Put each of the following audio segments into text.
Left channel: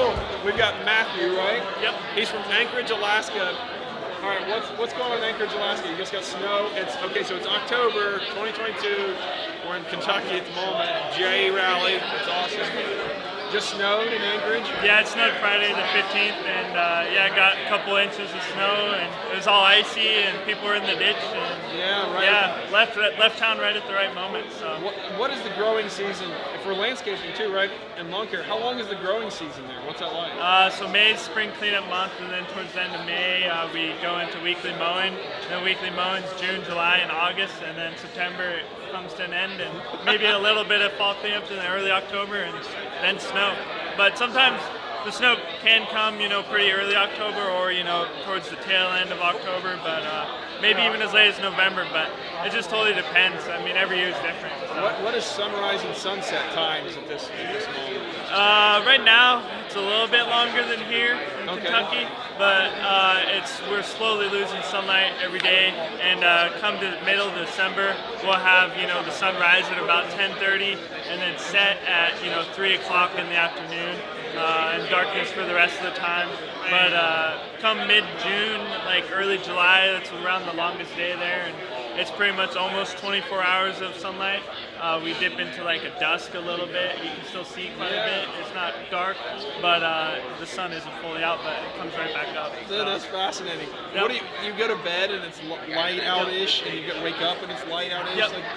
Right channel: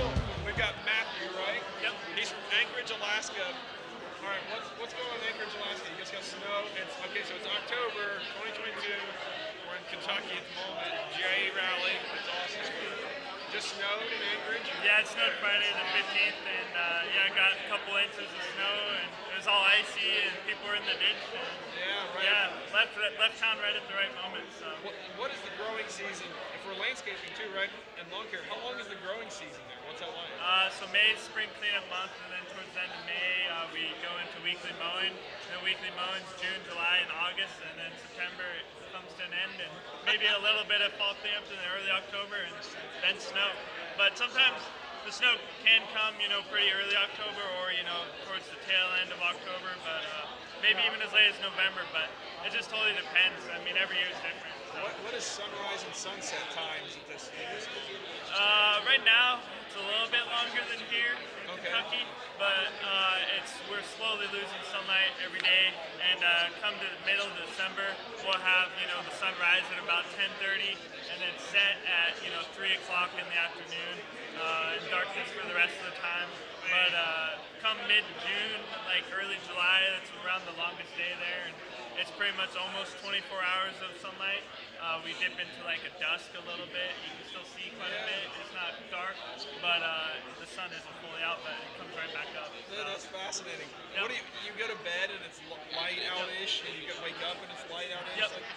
cool. We've got Matthew, right? Yep. He's from Anchorage, Alaska. All right, what's going on in Anchorage, Alaska? You just got snow. It's okay, so it's October 2022. We're in Kentucky at the moment. GIE rally. It's awesome. Just snowed in Anchorage. Yeah, it snowed Friday the 15th, and yeah, I got a couple inches of snow, and it was all icy, and people were in the ditch. And Yeah, right. yeah, left town right at the right moment. So What is the growing season for landscaping too, right? And Lawncare. How long is the growing season there? What's that like? so May is spring cleanup month, and then towards the end of May we go into weekly mowing. And then weekly mowing's June, July, and August, and then September it comes to an end, and maybe a little bit of fall cleanups in early October, and then snow. But sometimes the snow can come, pretty early October, or towards the tail end of October, but maybe even as late as November. But it just totally depends. I mean, every year is different. So. What is sunrise and sunset times at this moment? Right now, it's a little bit longer than here in Kentucky, but we're slowly losing sunlight every day. And come to the middle of December, we'll have the sun rise at about 10:30, and then set at 3 o'clock in the afternoon, and darkness for the rest of the time. But come mid-June, like early July, that's around the longest day there, and it's pretty much almost 24 hours of sunlight. We dip into like a dusk a little bit. You can still see quite a bit. It's not dark, but the sun isn't fully out, but it comes right back up. So. That's fascinating. Yep. What do you go to bed and it's light out-ish, and you wake up and it's light out-ish? Yep. Like,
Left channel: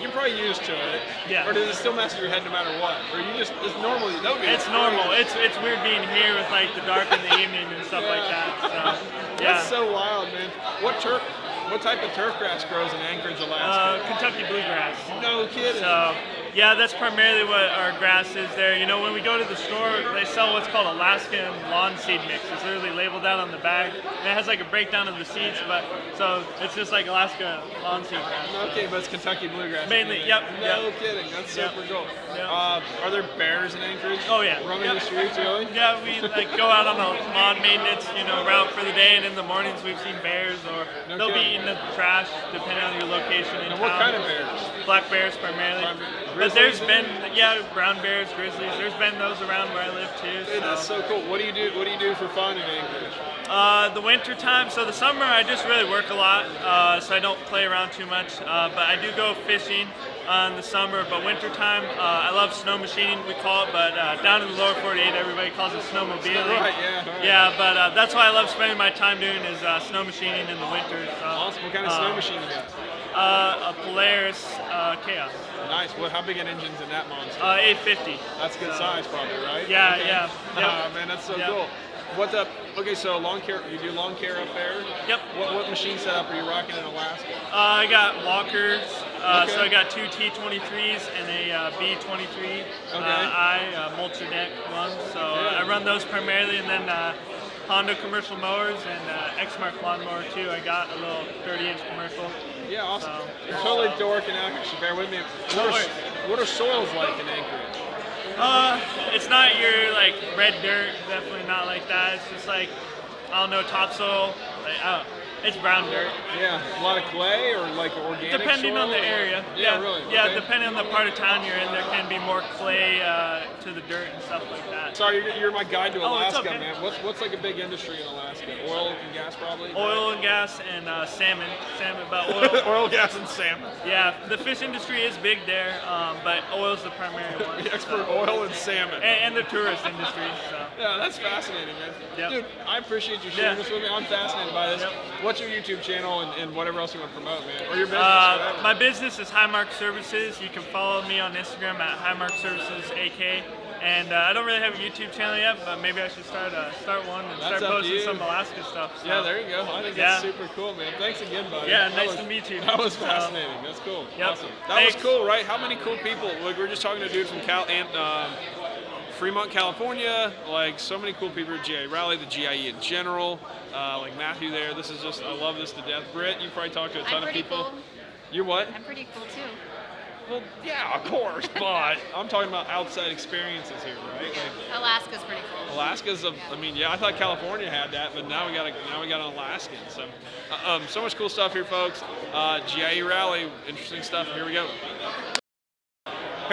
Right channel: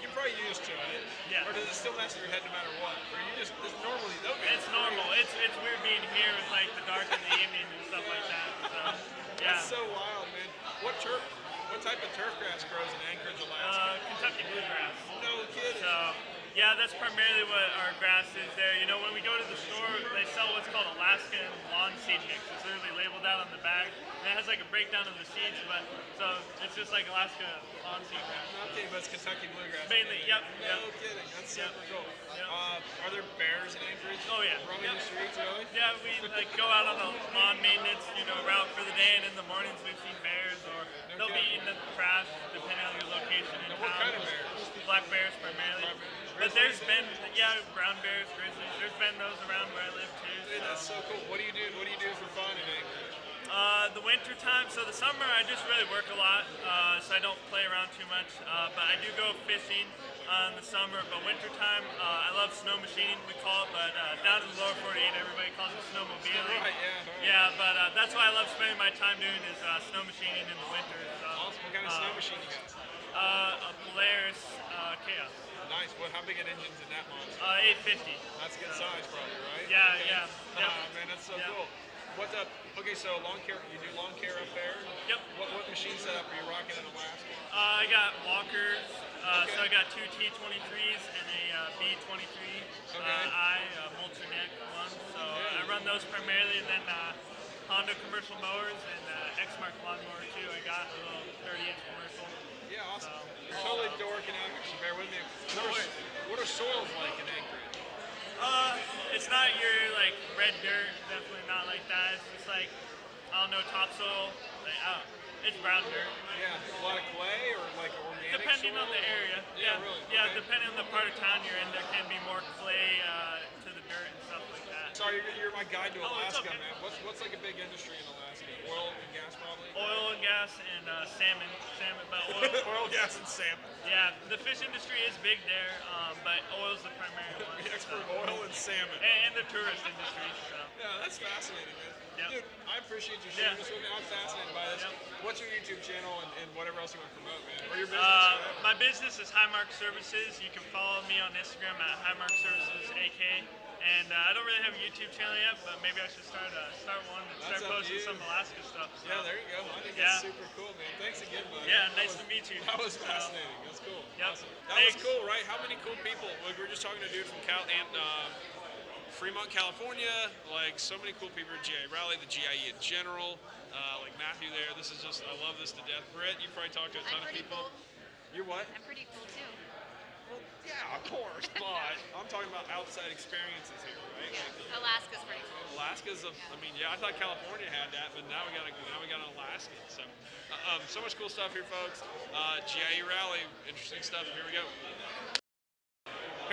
you're probably used to it. Yeah. Or does it still mess with your head no matter what? Or you just, it's normal? It's normal. It's weird being here with like the dark in the evening and stuff like that. So, yeah. That's so wild, man. What type of turf grass grows in Anchorage, Alaska? Kentucky bluegrass. No kidding. So, yeah, that's primarily what our grass is there. When we go to the store, they sell what's called Alaskan lawn seed mix. It's literally labeled out on the bag. And it has like a breakdown of the seeds, so it's just like Alaska lawn seed grass. Okay, but it's Kentucky bluegrass. Mainly, yep. No kidding. That's super cool. Yep. Are there bears in Anchorage? Oh yeah. Roaming the streets, really? Yeah, we like go out on a lawn maintenance, route for the day, and in the mornings we've seen bears, or they'll be eating the trash depending on your location in And town. what kind of bears? Black bears primarily. But there's been, brown bears, grizzlies. There's been those around where I live too. Dude, that's so cool. What do you do for fun in Anchorage? The winter time. So the summer I just really work a lot, so I don't play around too much. But I do go fishing in the summer. But winter time, I love snow machining, we call it. But down in the lower 48, everybody calls it snowmobiling. Right, yeah. Right. Yeah, but that's what I love spending my time doing is snow machining in the winter. So, awesome. What kind of snow machine is it? A Polaris Chaos. Nice. How big an engine's in that monster? 850. That's good size, probably, right? Yeah, okay. yeah. Yep. Man, that's so Yep. cool. What's up? Okay, so Lawncare, you do Lawncare up there? Yep. What machine setup are you rocking in Alaska? I got walkers, so I got two T23s and a B23 multi-deck one. So I run those primarily, and then Honda commercial mowers and Exmark lawnmower too. I got a little 30-inch commercial. Yeah, awesome. So, You're totally dorking out, so bear with me. What are soils like in Anchorage? It's not your like red dirt, definitely not like that. It's just like, I don't know, topsoil. Like, it's brown dirt. Yeah, a lot of clay or like organic depending soil? on the area. Yeah, really? Yeah, Okay. depending on the part of town you're in, there can be more clay to the dirt and stuff like that. Sorry, you're my guide to Alaska, okay. man. What's like a big industry in Alaska? Oil and gas, probably? Oil and gas and salmon. But Oil, gas, and salmon. Yeah, the fish industry is big there, but oil's the primary one. The expert oil and salmon. And the tourist industry. So. Yeah, that's fascinating, man. Yep. Dude, I appreciate you sharing this with me. I'm fascinated by this. Yep. What's your YouTube channel and whatever else you want to promote, man? Or your business? My business is Highmark Services. You can follow me on Instagram at Highmark Services AK. And I don't really have a YouTube channel yet, but maybe I should start one and start posting some Alaska stuff. So. Yeah, there you go. I think that's super cool, man. Thanks again, buddy. Yeah, nice to meet you. That was fascinating. That's cool. Yep. Awesome. That was cool, right? How many cool people? Like, we're just talking to a dude from Fremont, California. Like, so many cool people at GIE Rally, the GIE in general. Like Matthew there. This is just, I love this to death. Britt, you probably talked to a ton of people. Cool. You're what? I'm pretty cool too. Well, yeah, of course, but I'm talking about outside experiences here, right? Like Alaska's pretty cool. Alaska's I mean, yeah, I thought California had that, but now we got an Alaskan. So, so much cool stuff here, folks. GIE Rally, interesting stuff. Here we go.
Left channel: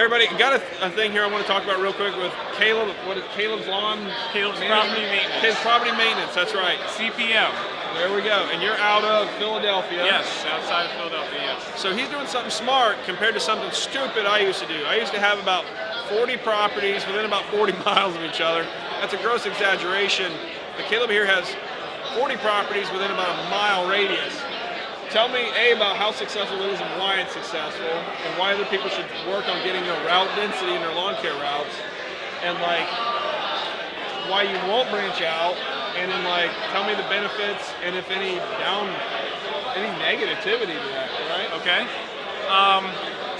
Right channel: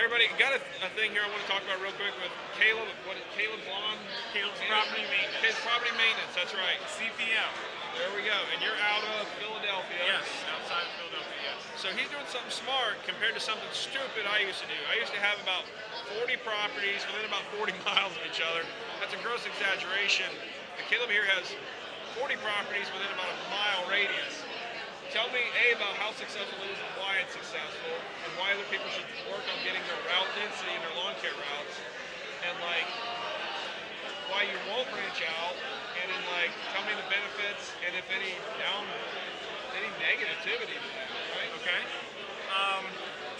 Hey everybody, got a thing here I want to talk about real quick with Caleb. What is Caleb's Lawn? Caleb's Property Maintenance. Caleb's Property Maintenance, that's right. CPM. There we go. And you're out of Philadelphia. Yes, outside of Philadelphia, yes. So he's doing something smart compared to something stupid I used to do. I used to have about 40 properties within about 40 miles of each other. That's a gross exaggeration. But Caleb here has 40 properties within about a mile radius. Tell me, A, about how successful it is and why it's successful, and why other people should work on getting their route density in their lawn care routes, and like, why you won't branch out, and then like, tell me the benefits, and if any negativity to that, right? Okay.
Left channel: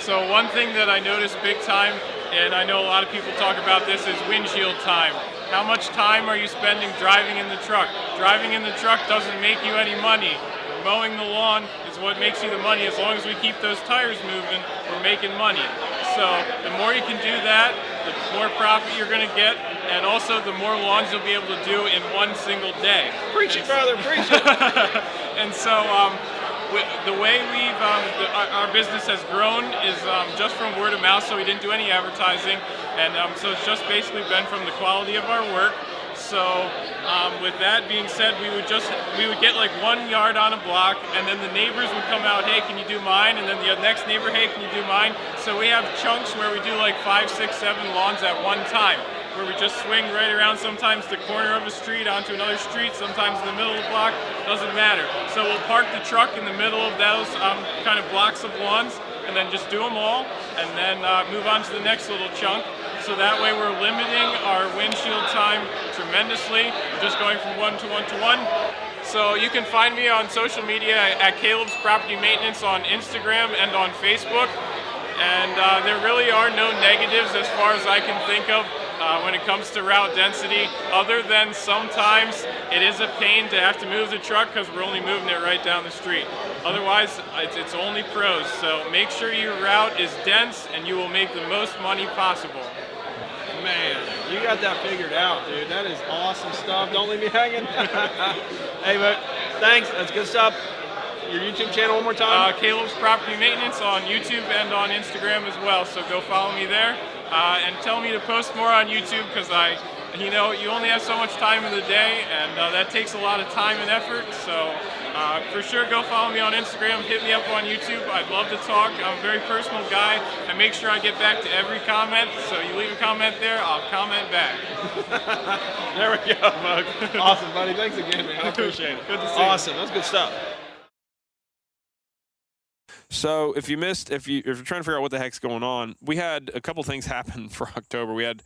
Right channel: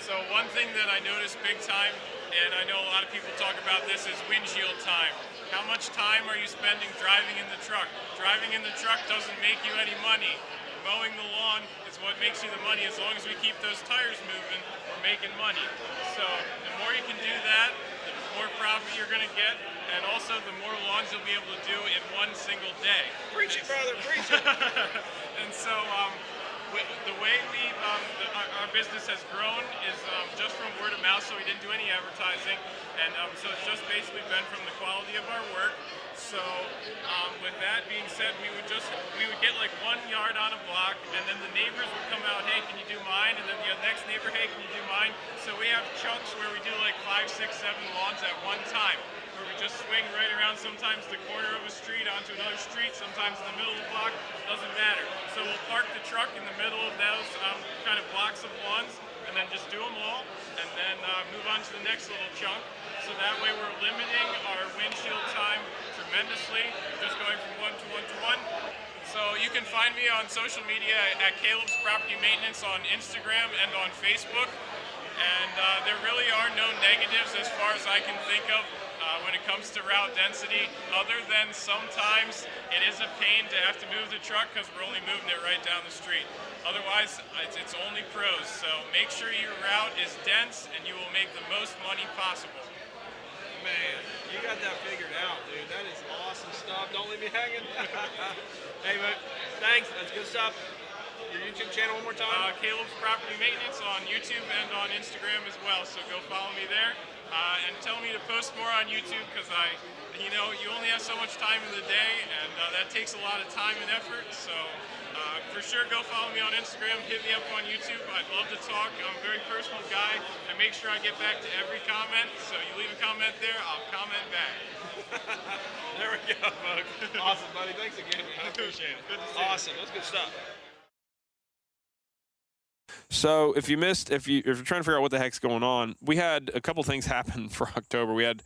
So one thing that I noticed big time, and I know a lot of people talk about this, is windshield time. How much time are you spending driving in the truck? Driving in the truck doesn't make you any money. Mowing the lawn is what makes you the money. As long as we keep those tires moving, we're making money. So the more you can do that, the more profit you're going to get, and also the more lawns you'll be able to do in one single day. Preach it, brother, preach it. And so the way our business has grown is just from word of mouth, so we didn't do any advertising, and so it's just basically been from the quality of our work. So with that being said, we would get like 1 yard on a block, and then the neighbors would come out, hey, can you do mine? And then the next neighbor, hey, can you do mine? So we have chunks where we do like 5, 6, 7 lawns at one time, where we just swing right around, sometimes the corner of a street onto another street, sometimes in the middle of the block, doesn't matter. So we'll park the truck in the middle of those kind of blocks of lawns, and then just do them all, and then move on to the next little chunk. So that way we're limiting our windshield time tremendously. We're just going from 1 to 1 to 1. So you can find me on social media at Caleb's Property Maintenance on Instagram and on Facebook. And there really are no negatives as far as I can think of when it comes to route density, other than sometimes it is a pain to have to move the truck because we're only moving it right down the street. Otherwise, it's only pros. So make sure your route is dense and you will make the most money possible. Man, you got that figured out, dude. That is awesome stuff. Don't leave me hanging. Hey, but thanks. That's good stuff. Your YouTube channel one more time? Caleb's Property Maintenance on YouTube and on Instagram as well. So go follow me there. And tell me to post more on YouTube because you only have so much time in the day, and that takes a lot of time and effort. So for sure, go follow me on Instagram. Hit me up on YouTube. I'd love to talk. I'm a very personal guy. I make sure I get back to every comment. So you leave a comment there, I'll comment back. There we go, folks. Awesome, buddy. Thanks again, man. I appreciate it. Good to see you. Awesome. That's good stuff. So if you're trying to figure out what the heck's going on, we had a couple things happen for October. We had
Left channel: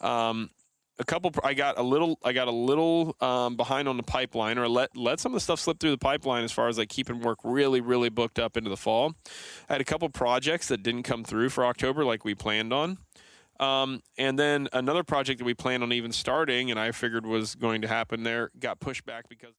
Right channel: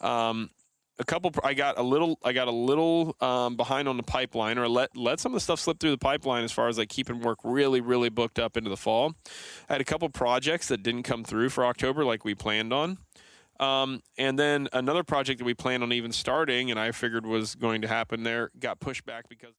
I got a little behind on the pipeline, or let some of the stuff slip through the pipeline as far as like keeping work really, really booked up into the fall. I had a couple projects that didn't come through for October like we planned on. And then another project that we planned on even starting and I figured was going to happen there got pushed back because